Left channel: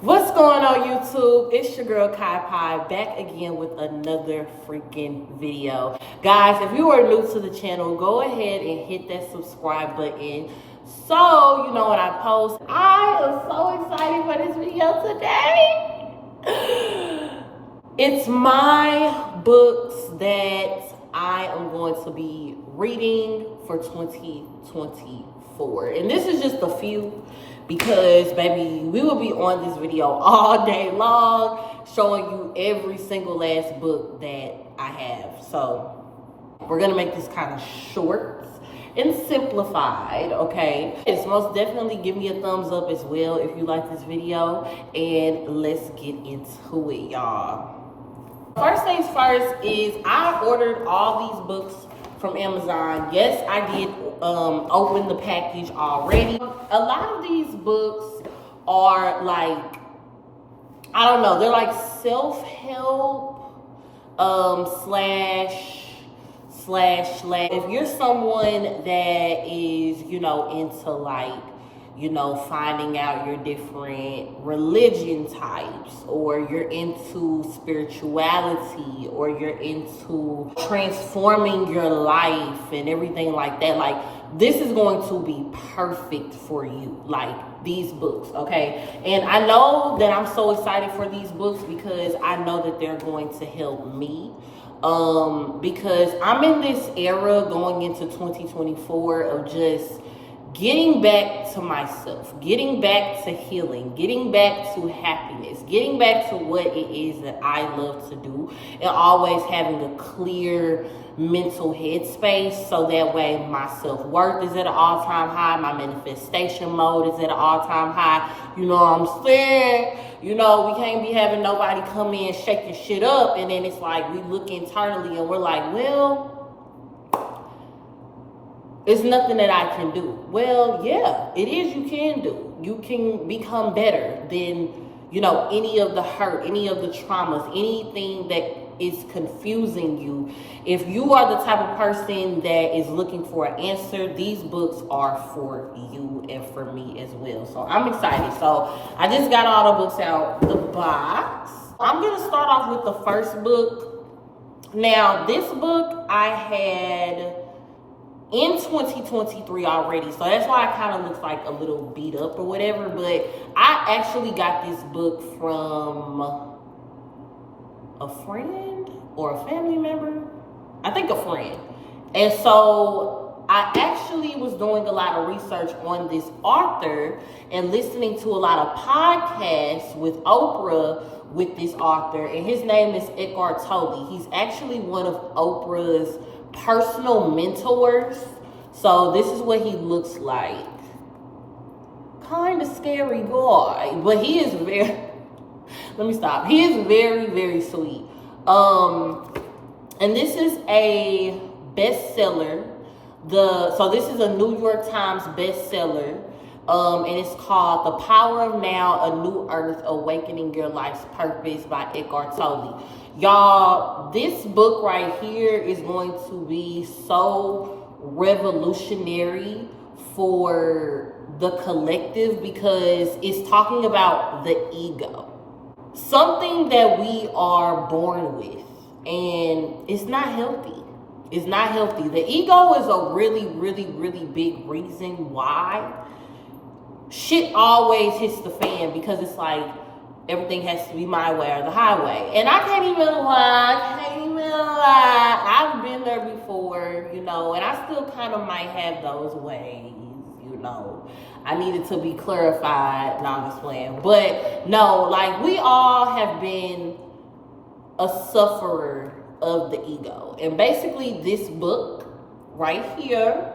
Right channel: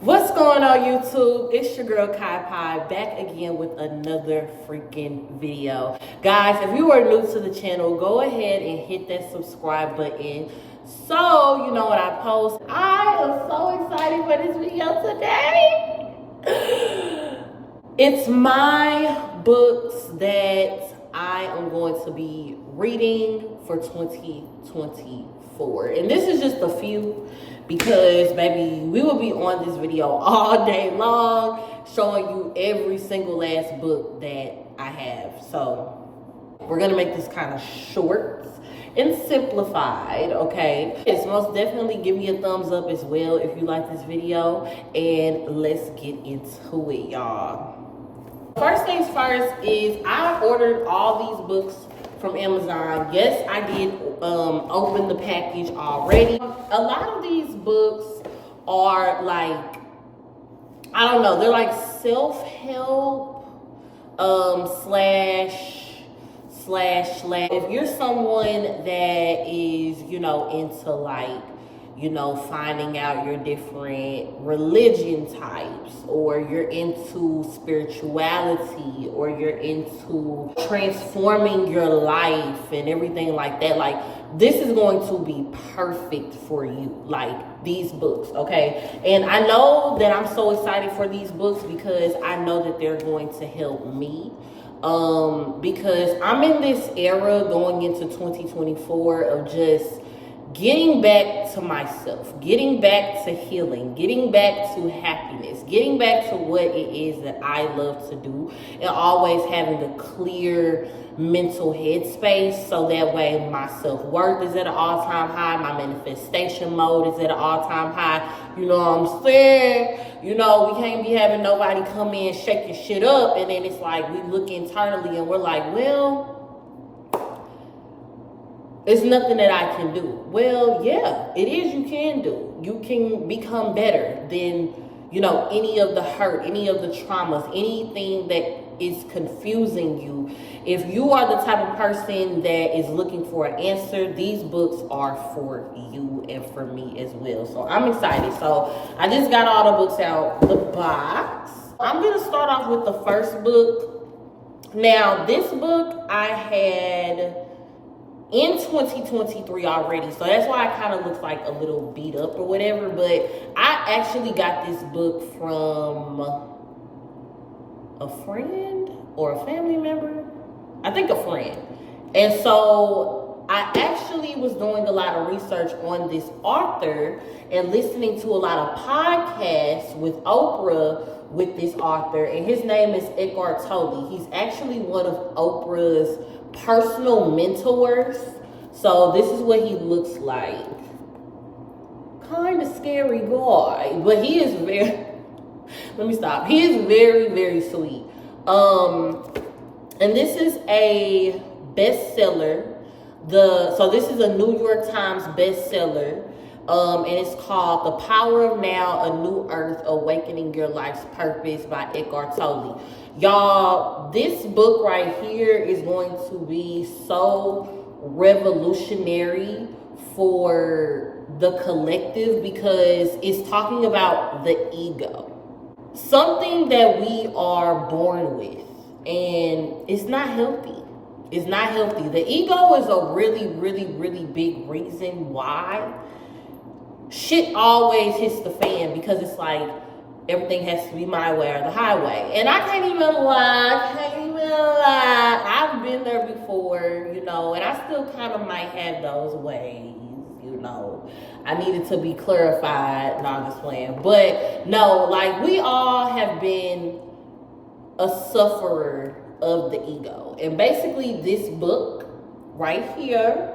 What's going on YouTube? It's your girl Kai Pie back again with another freaking video. Guys, if you are new to the channel, go ahead and hit that subscribe button so you know when I post. I am so excited for this video today. It's my books that I am going to be reading for 2024. And this is just a few because, baby, we will be on this video all day long showing you every single last book that I have. So we're going to make this kind of short and simplified, okay? Yes, most definitely give me a thumbs up as well if you like this video. And let's get into it, y'all. First things first is I ordered all these books from Amazon. Yes, I did open the package already. A lot of these books are like, I don't know, they're like self-help slash. If you're someone that is, into like, finding out your different religion types, or you're into spirituality, or you're into transforming your life and everything like that, like this is going to be perfect for you, like these books, okay? And I know that I'm so excited for these books because I know that they're going to help me. Because I'm in this era going into 2024 of just getting back to myself, getting back to healing, getting back to happiness, getting back to what it is that I love to do, and always having a clear mental headspace so that way my self-worth is at an all-time high, my manifestation mode is at an all-time high. You know what I'm saying? We can't be having nobody come in shaking shit up, and then it's like we look internally and we're like, well, it's nothing that I can do. Well, yeah, it is you can do. You can become better than, any of the hurt, any of the traumas, anything that is confusing you. If you are the type of person that is looking for an answer, these books are for you and for me as well. So I'm excited. So I just got all the books out the box. I'm going to start off with the first book. Now, this book I had in 2023 already, so that's why it kind of looks like a little beat up or whatever, but I actually got this book from a friend or a family member. I think a friend. And so I actually was doing a lot of research on this author and listening to a lot of podcasts with Oprah with this author, and his name is Eckhart Tolle. He's actually one of Oprah's personal mentors. So this is what he looks like. Kind of scary guy, but he is very let me stop. He is very, very sweet. And this is a bestseller. So this is a New York Times bestseller. And it's called The Power of Now, A New Earth, Awakening Your Life's Purpose by Eckhart Tolle. Y'all, this book right here is going to be so revolutionary for the collective because it's talking about the ego. Something that we are born with, and it's not healthy. It's not healthy. The ego is a really, really, really big reason why shit always hits the fan, because it's like everything has to be my way or the highway. And I can't even lie. I've been there before, and I still kind of might have those ways, I needed to be clarified. No, I'm just playing. But no, like we all have been a sufferer of the ego. And basically this book right here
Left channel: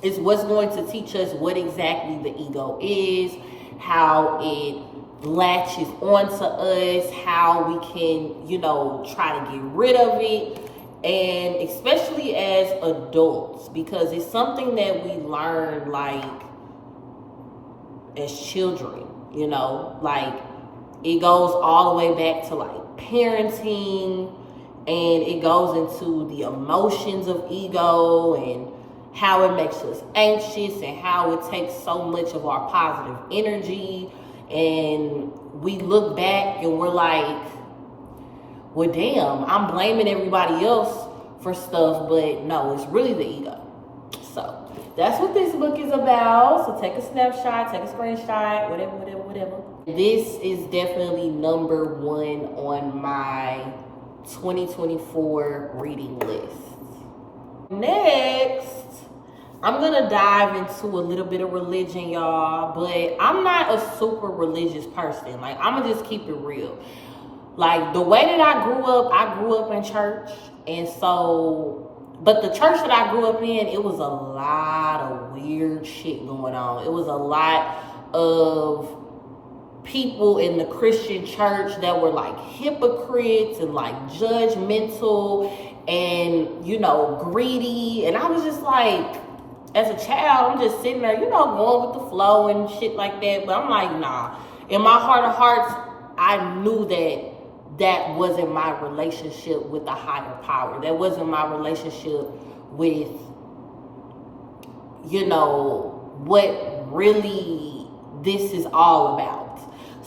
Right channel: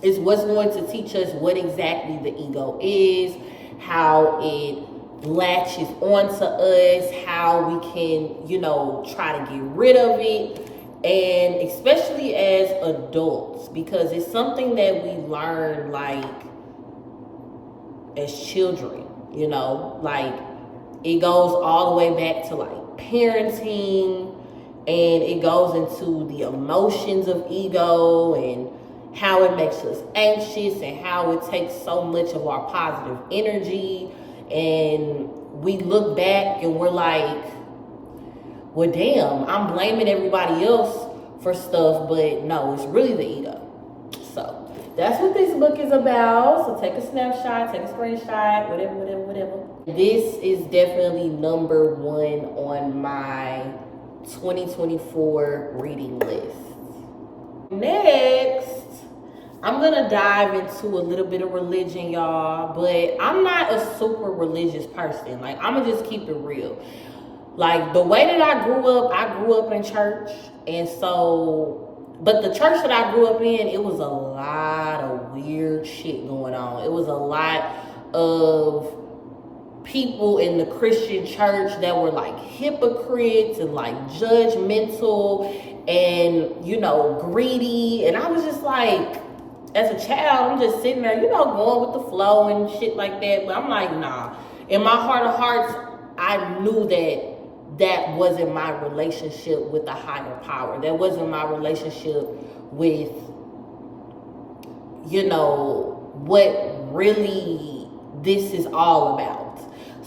is what's going to teach us what exactly the ego is, how it latches onto us, how we can, try to get rid of it, and especially as adults, because it's something that we learn like as children, like it goes all the way back to like parenting, and it goes into the emotions of ego and how it makes us anxious and how it takes so much of our positive energy And we look back and we're like, well, damn, I'm blaming everybody else for stuff, but no, it's really the ego. So that's what this book is about. So take a snapshot, take a screenshot, whatever. This is definitely number 1 on my 2024 reading list. Next, I'm gonna dive into a little bit of religion, y'all, but I'm not a super religious person. Like, I'm gonna just keep it real. Like, the way that I grew up in church, and so, but the church that I grew up in, it was a lot of weird shit going on. It was a lot of people in the Christian church that were like hypocrites and like judgmental and, you know, greedy. And I was just like, as a child, I'm just sitting there, you know, going with the flow and shit like that. But I'm like, nah. In my heart of hearts, I knew that wasn't my relationship with the higher power. That wasn't my relationship with, you know, what really this is all about.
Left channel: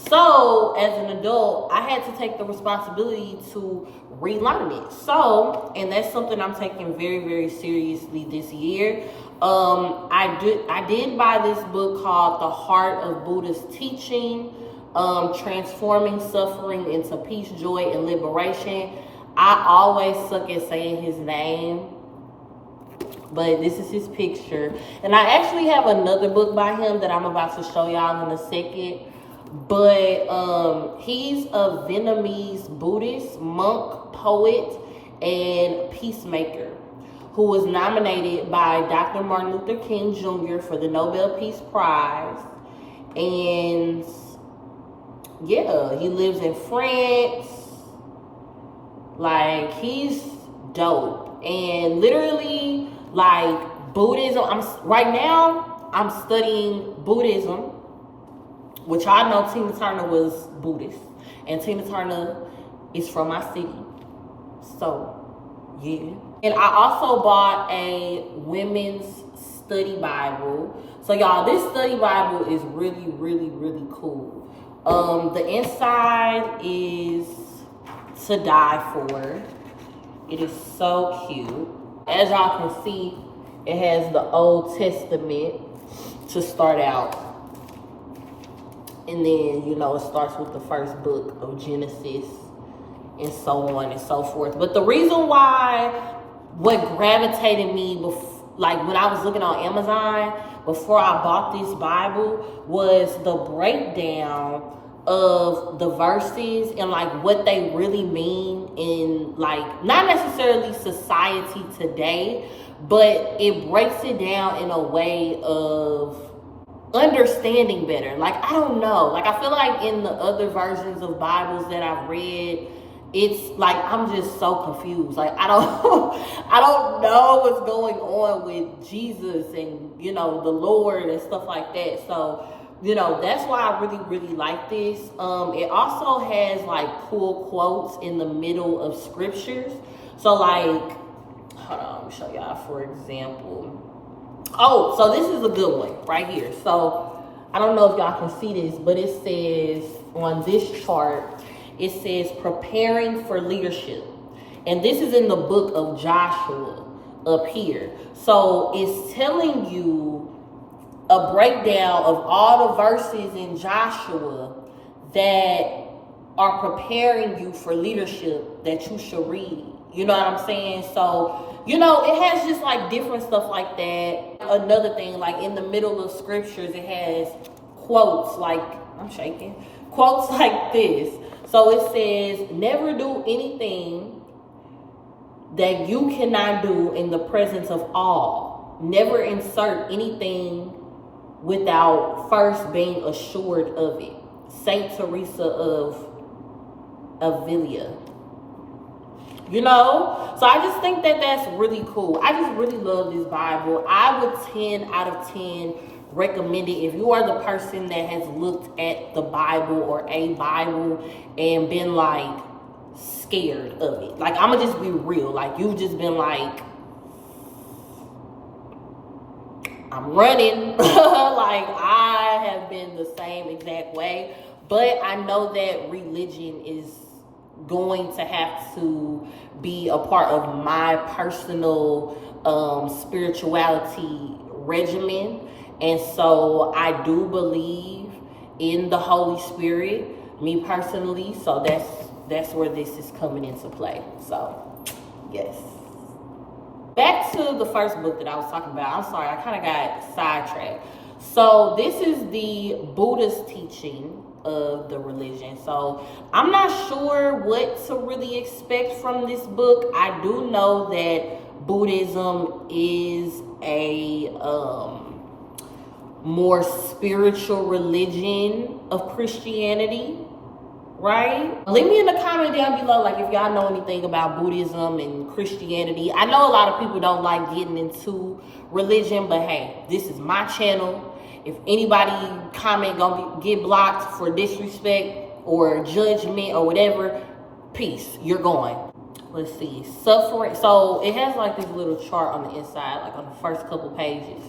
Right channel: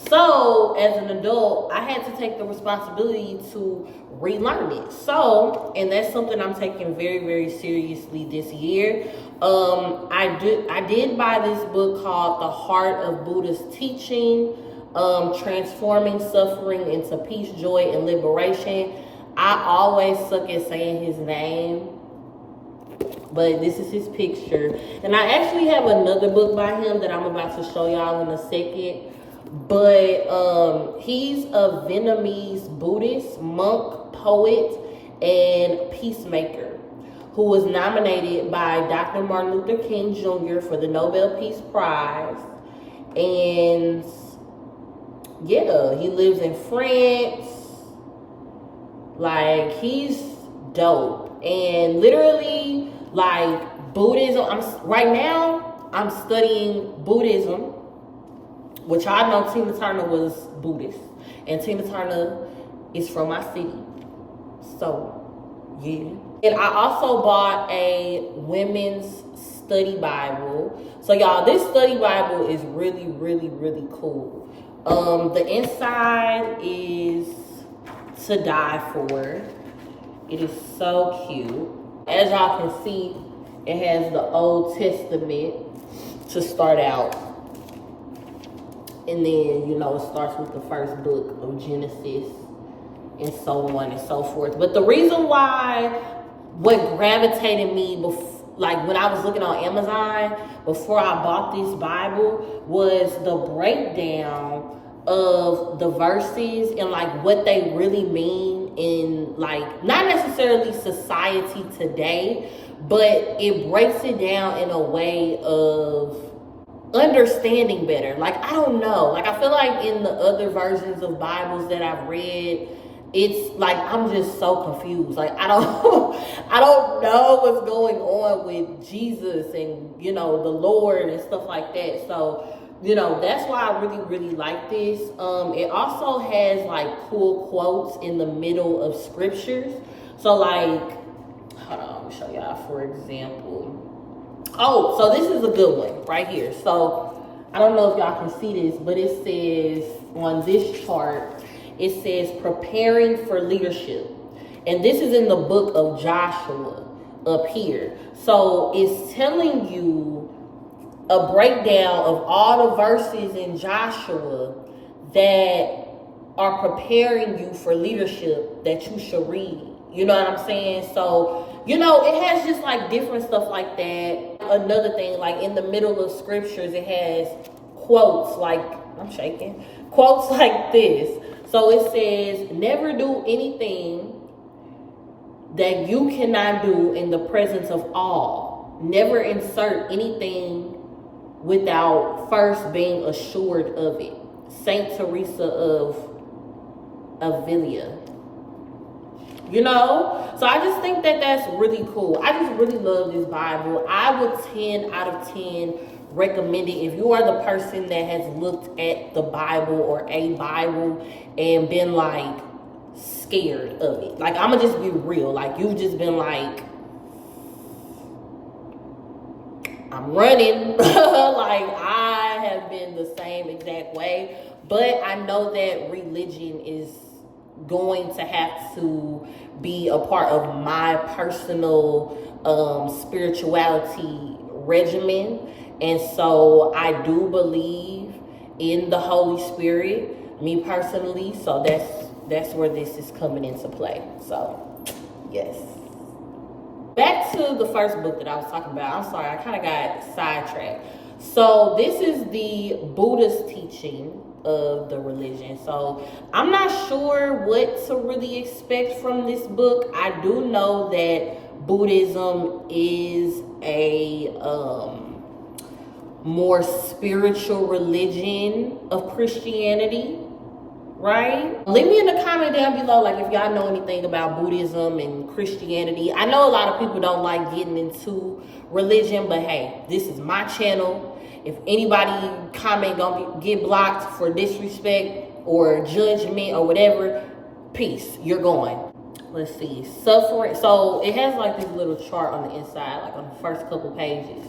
So, as an adult, I had to take the responsibility to relearn it. So, and that's something I'm taking very, very seriously this year. I did buy this book called The Heart of Buddha's Teaching, Transforming Suffering into Peace, Joy, and Liberation. I always suck at saying his name, but this is his picture. And I actually have another book by him that I'm about to show y'all in a second. But he's a Vietnamese Buddhist monk, poet, and peacemaker who was nominated by Dr. Martin Luther King Jr. for the Nobel Peace Prize. And yeah, he lives in France. Like, he's dope. And literally, like, Buddhism, right now I'm studying Buddhism, which I know Tina Turner was Buddhist, and Tina Turner is from my city. So, yeah. And I also bought a women's study Bible. So, y'all, this study Bible is really, really, really cool. The inside is to die for. It is so cute. As y'all can see, it has the Old Testament to start out. And then, you know, it starts with the first book of Genesis and so on and so forth. But the reason why, what gravitated me, like when I was looking on Amazon before I bought this Bible, was the breakdown of the verses and like what they really mean in, like, not necessarily society today, but it breaks it down in a way of understanding better. Like, I don't know, like, I feel like in the other versions of Bibles that I've read, it's like I'm just so confused. Like, I don't know what's going on with Jesus and, you know, the Lord and stuff like that. So, you know, that's why I really, really like this. It also has like cool quotes in the middle of scriptures. So, like, hold on, let me show y'all, for example. Oh, so this is a good one right here. So I don't know if y'all can see this, but it says on this chart, it says preparing for leadership. And this is in the book of Joshua up here. So it's telling you a breakdown of all the verses in Joshua that are preparing you for leadership that you should read. You know what I'm saying? So, you know, it has just like different stuff like that. Another thing, like in the middle of scriptures, it has quotes like, I'm shaking, quotes like this. So it says, never do anything that you cannot do in the presence of all. Never insert anything without first being assured of it. Saint Teresa of Avila. You know? So I just think that that's really cool. I just really love this Bible. I would 10 out of 10 recommend it. If you are the person that has looked at the Bible or a Bible and been like scared of it. Like, I'm gonna just be real. Like, you've just been like, I I'm running. Like, I have been the same exact way. But I know that religion is going to have to be a part of my personal spirituality regimen. And so I do believe in the Holy Spirit, me personally. So that's where this is coming into play. So, yes. Back to the first book that I was talking about. I'm sorry, I kind of got sidetracked. So this is the Buddhist teaching of the religion. So I'm not sure what to really expect from this book. I do know that Buddhism is a more spiritual religion of Christianity, right? Leave me in the comment down below, like, if y'all know anything about Buddhism and Christianity. I know a lot of people don't like getting into religion, but hey, this is my channel. If anybody comment gonna get blocked for disrespect or judgment or whatever, peace, you're going. Let's see, suffering. So it has like this little chart on the inside, like on the first couple pages.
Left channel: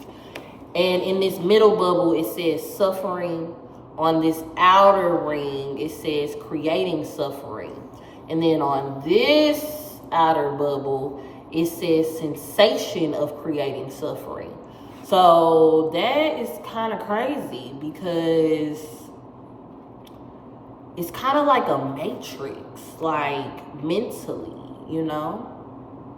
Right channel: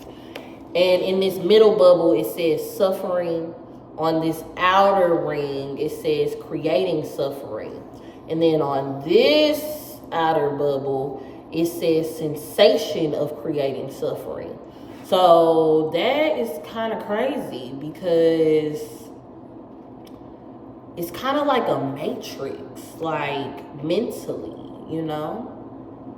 And in this middle bubble, it says suffering. On this outer ring, it says creating suffering. And then on this outer bubble, it says sensation of creating suffering. So that is kind of crazy because it's kind of like a matrix, like mentally, you know?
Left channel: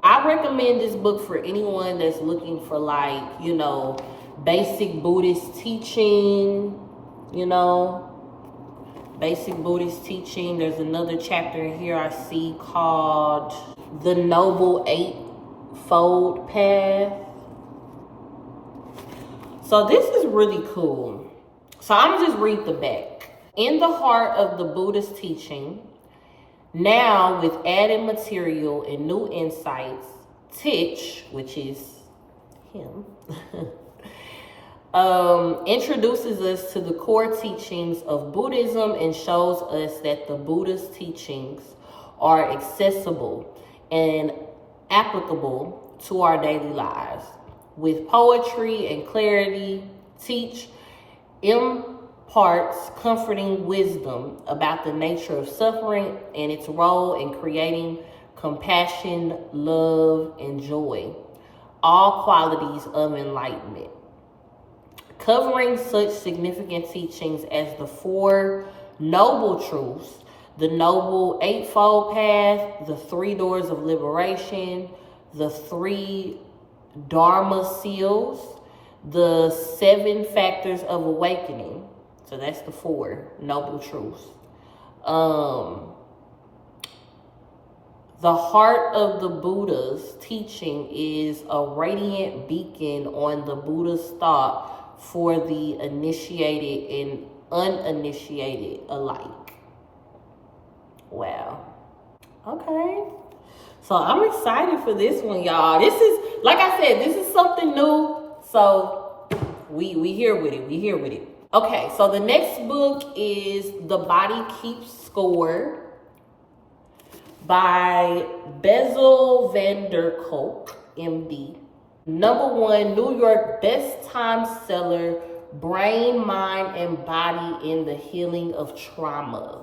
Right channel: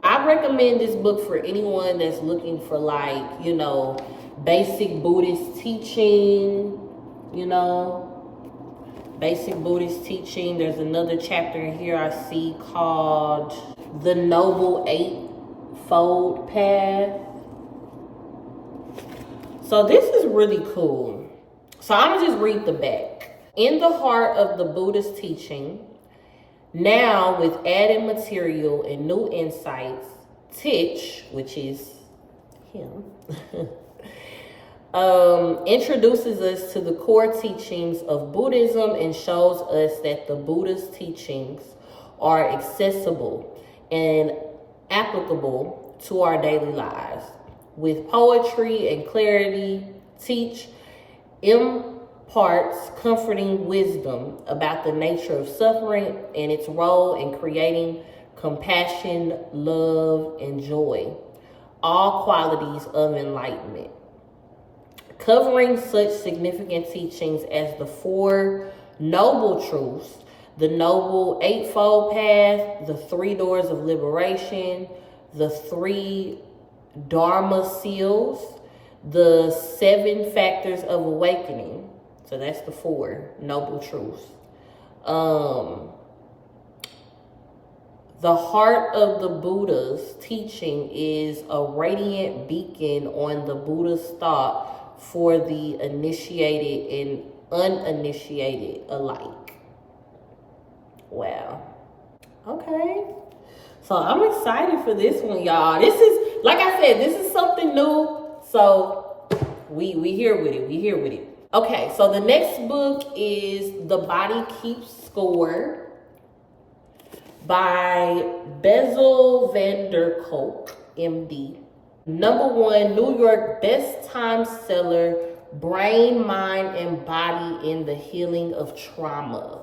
I recommend this book for anyone that's looking for, like, you know, basic Buddhist teaching. You know, basic Buddhist teaching. There's another chapter in here I see called The Noble Eightfold Path. So this is really cool. So I'm gonna just read the back. In the heart of the Buddhist teaching, now with added material and new insights, Tich, which is him, introduces us to the core teachings of Buddhism and shows us that the Buddhist teachings are accessible and applicable to our daily lives. With poetry and clarity, Tich imparts comforting wisdom about the nature of suffering and its role in creating compassion, love, and joy, all qualities of enlightenment. Covering such significant teachings as the Four Noble Truths, the Noble Eightfold Path, the Three Doors of Liberation, the Three Dharma Seals, the Seven Factors of Awakening. So that's the Four Noble Truths. The heart of the Buddha's teaching is a radiant beacon on the Buddha's thought for the initiated and uninitiated alike. Wow. Okay. So I'm excited for this one, y'all. This is, like I said, this is something new. So we here with it. We here with it. Okay, so the next book is The Body Keeps Score by Bessel van der Kolk, MD. #1 New York best time seller, Brain, Mind, and Body in the Healing of Trauma.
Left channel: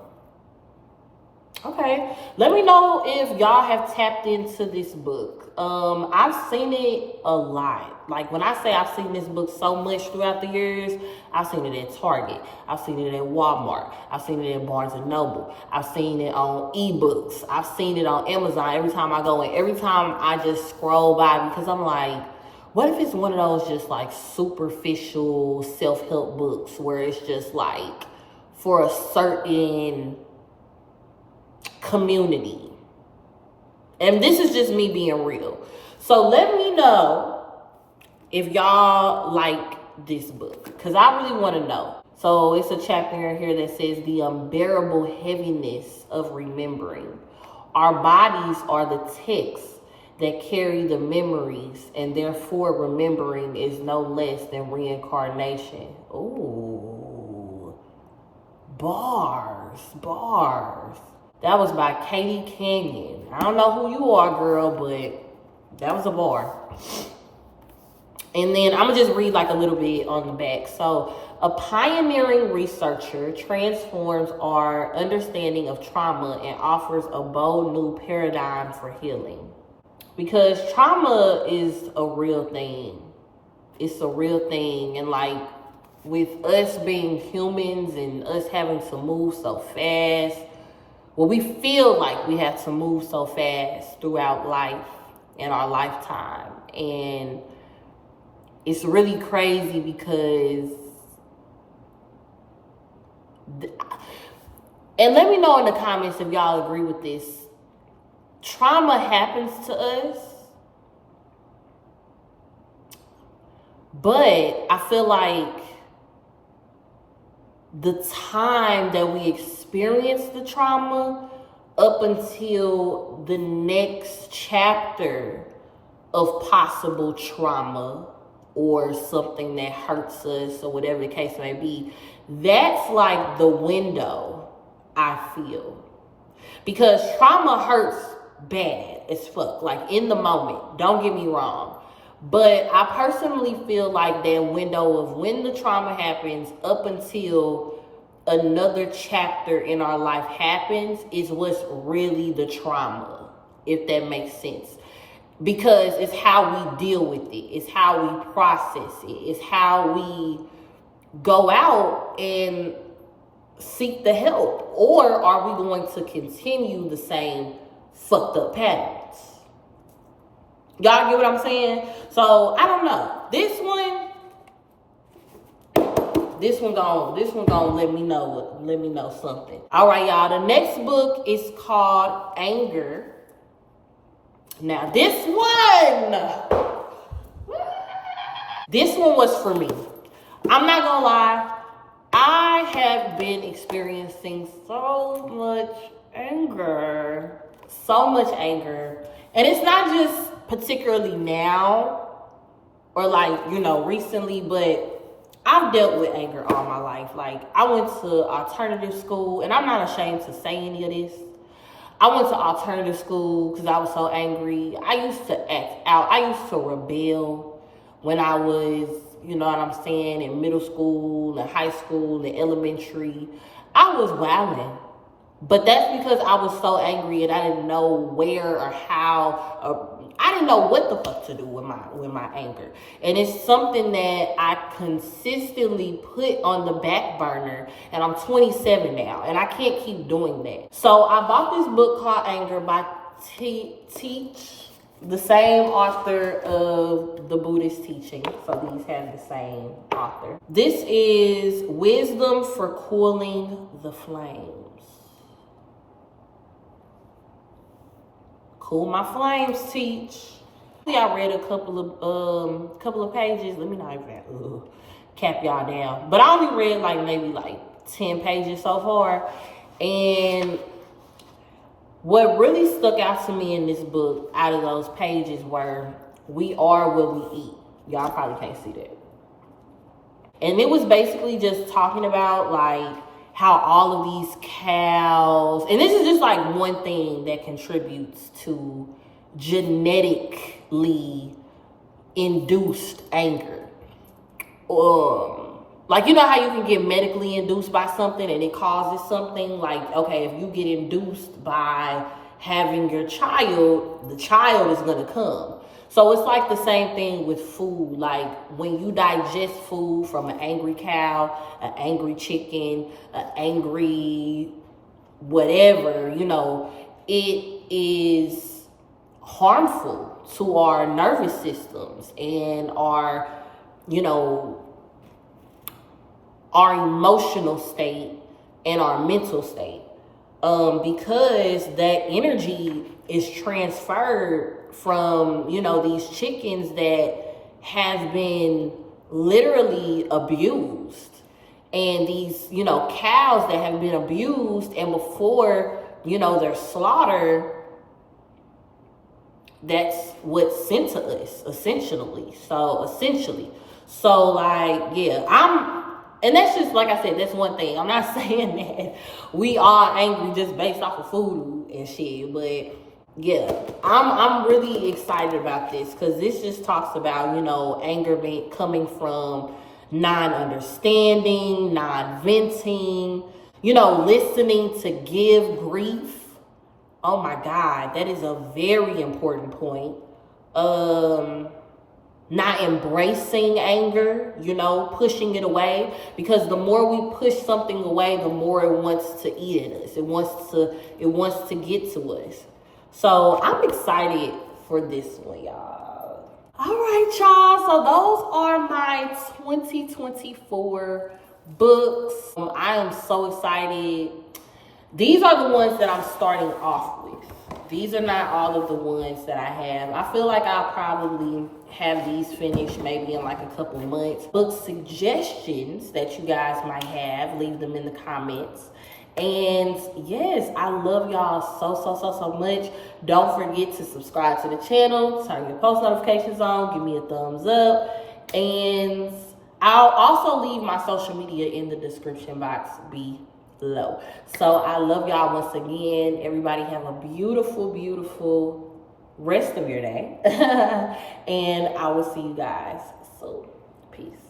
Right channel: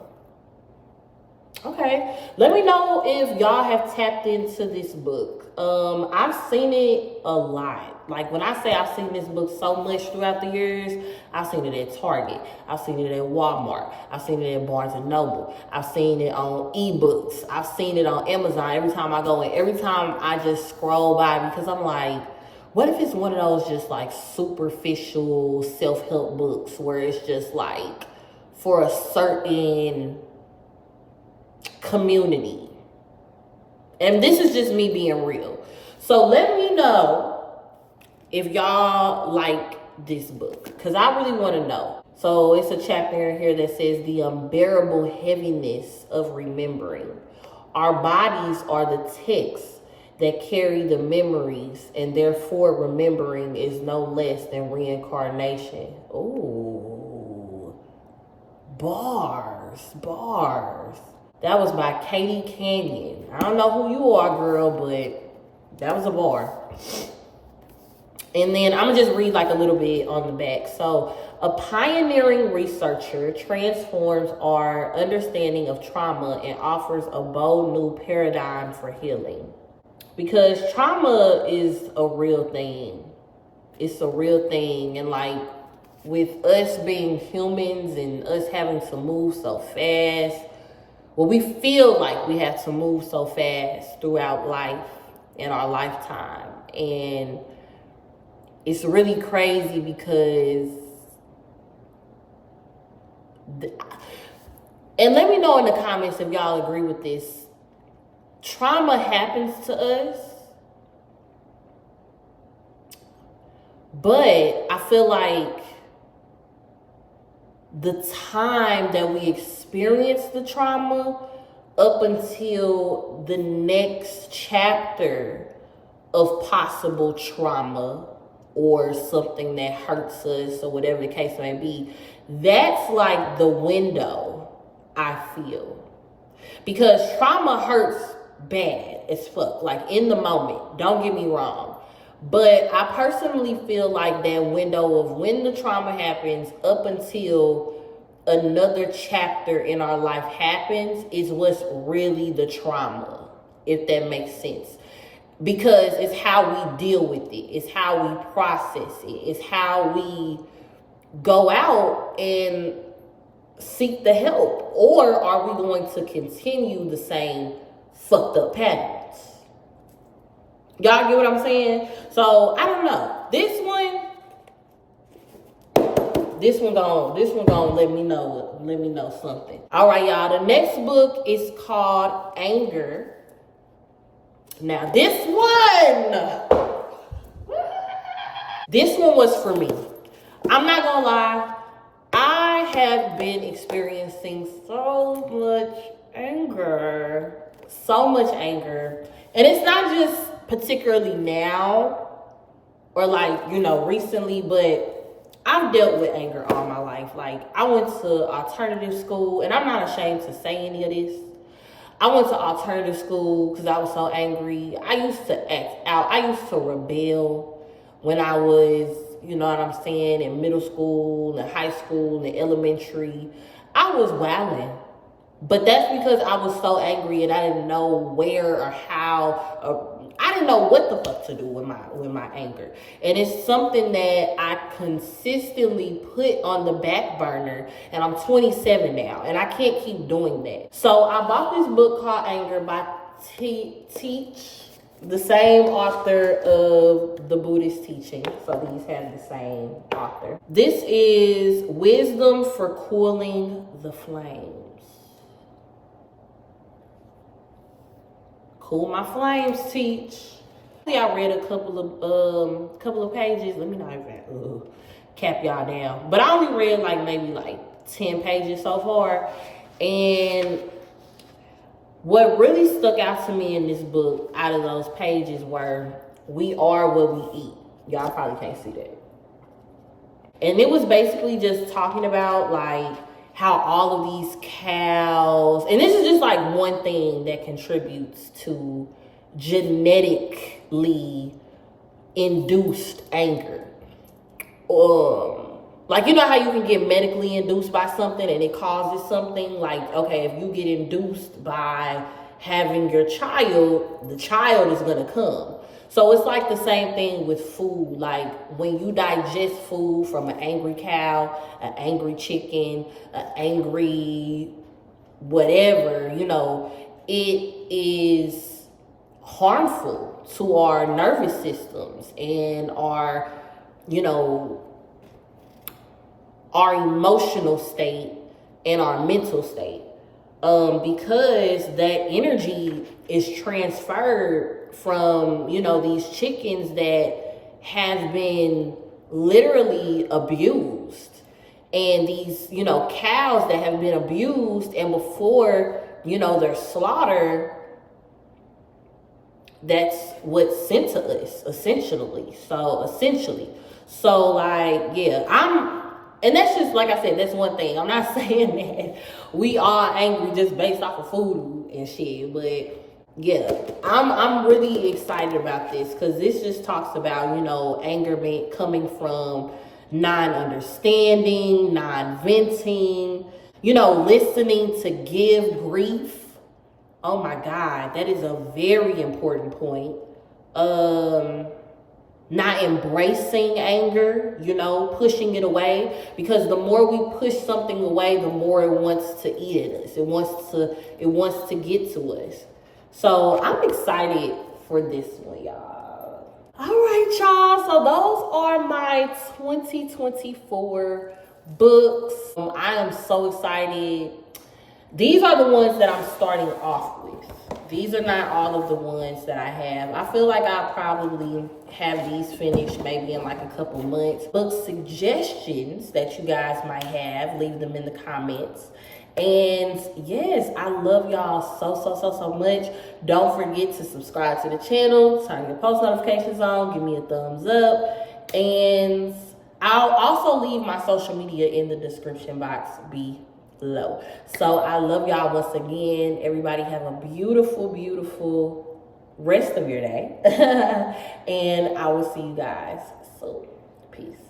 Okay, let me know if y'all have tapped into this book. I've seen it a lot. Like, when I say I've seen this book so much throughout the years, I've seen it at Target, I've seen it at Walmart, I've seen it at Barnes and Noble, I've seen it on ebooks, I've seen it on Amazon. Every time I go in, every time I just scroll by, because I'm like, what if it's one of those just like superficial self-help books where it's just like for a certain community? And this is just me being real. So let me know if y'all like this book, because I really want to know. So it's a chapter in here that says the unbearable heaviness of remembering. Our bodies are the texts that carry the memories, and therefore remembering is no less than reincarnation. Ooh, bars. That was by Katie Canyon. I don't know who you are, girl, but that was a bar. And then I'm gonna just read like a little bit on the back. So, a pioneering researcher transforms our understanding of trauma and offers a bold new paradigm for healing. Because trauma is a real thing. It's a real thing. And like with us being humans and us having to move so fast, well, we feel like we have to move so fast throughout life in our lifetime. And it's really crazy because, and let me know in the comments if y'all agree with this. Trauma happens to us, but I feel like the time that we experience the trauma up until the next chapter of possible trauma or something that hurts us or whatever the case may be, that's like the window, I feel. Because trauma hurts bad as fuck, like in the moment, don't get me wrong. But I personally feel like that window of when the trauma happens up until another chapter in our life happens is what's really the trauma, if that makes sense. Because it's how we deal with it. It's how we process it. It's how we go out and seek the help. Or are we going to continue the same fucked up patterns? Y'all get what I'm saying? So, I don't know. This one gonna let me know something. All right, y'all. The next book is called Anger. Now, this one was for me. I'm not gonna lie. I have been experiencing so much anger. And it's not just particularly now or like, recently, but I've dealt with anger all my life. Like, I went to alternative school, and I'm not ashamed to say any of this. I went to alternative school because I was so angry. I used to act out. I used to rebel when I was, in middle school and high school and elementary. I was wilding. But that's because I was so angry and I didn't know where or how. I didn't know what the fuck to do with my anger. And it's something that I consistently put on the back burner. And I'm 27 now, and I can't keep doing that. So I bought this book called Anger by Teach, the same author of the Buddhist teaching. So these have the same author. This is Wisdom for Cooling the Flames. Cool my flames, Teach. I read a couple of pages. Let me not even cap y'all down. But I only read maybe 10 pages so far. And what really stuck out to me in this book out of those pages were, we are what we eat. Y'all probably can't see that. And it was basically just talking about how all of these cows, and this is just one thing that contributes to genetically induced anger. How you can get medically induced by something and it causes something, okay, if you get induced by having your child, the child is gonna come. So it's the same thing with food. When you digest food from an angry cow, an angry chicken, an angry whatever, it is harmful to our nervous systems and our emotional state and our mental state. Because that energy is transferred from, these chickens that have been literally abused, and these, cows that have been abused, and before, their slaughter, that's what's sent to us, essentially. And that's just, like I said, that's one thing. I'm not saying that we are angry just based off of food and shit, but yeah, I'm really excited about this because this just talks about, you know, anger coming from non-understanding, non-venting, you know, listening to give grief. Oh my God, that is a very important point. Not embracing anger, you know, pushing it away, because the more we push something away, the more it wants to eat at us. It wants to get to us. So I'm excited for this one, y'all. All right, y'all. So those are my 2024 books. I am so excited. These are the ones that I'm starting off with. These are not all of the ones that I have. I feel like I'll probably have these finished maybe in like a couple months. Book suggestions that you guys might have, leave them in the comments. And yes, I love y'all so much. Don't forget to subscribe to the channel, turn your post notifications on, give me a thumbs up. And I'll also leave my social media in the description box below. So I love y'all once again. Everybody have a beautiful rest of your day. And I will see you guys soon. Peace.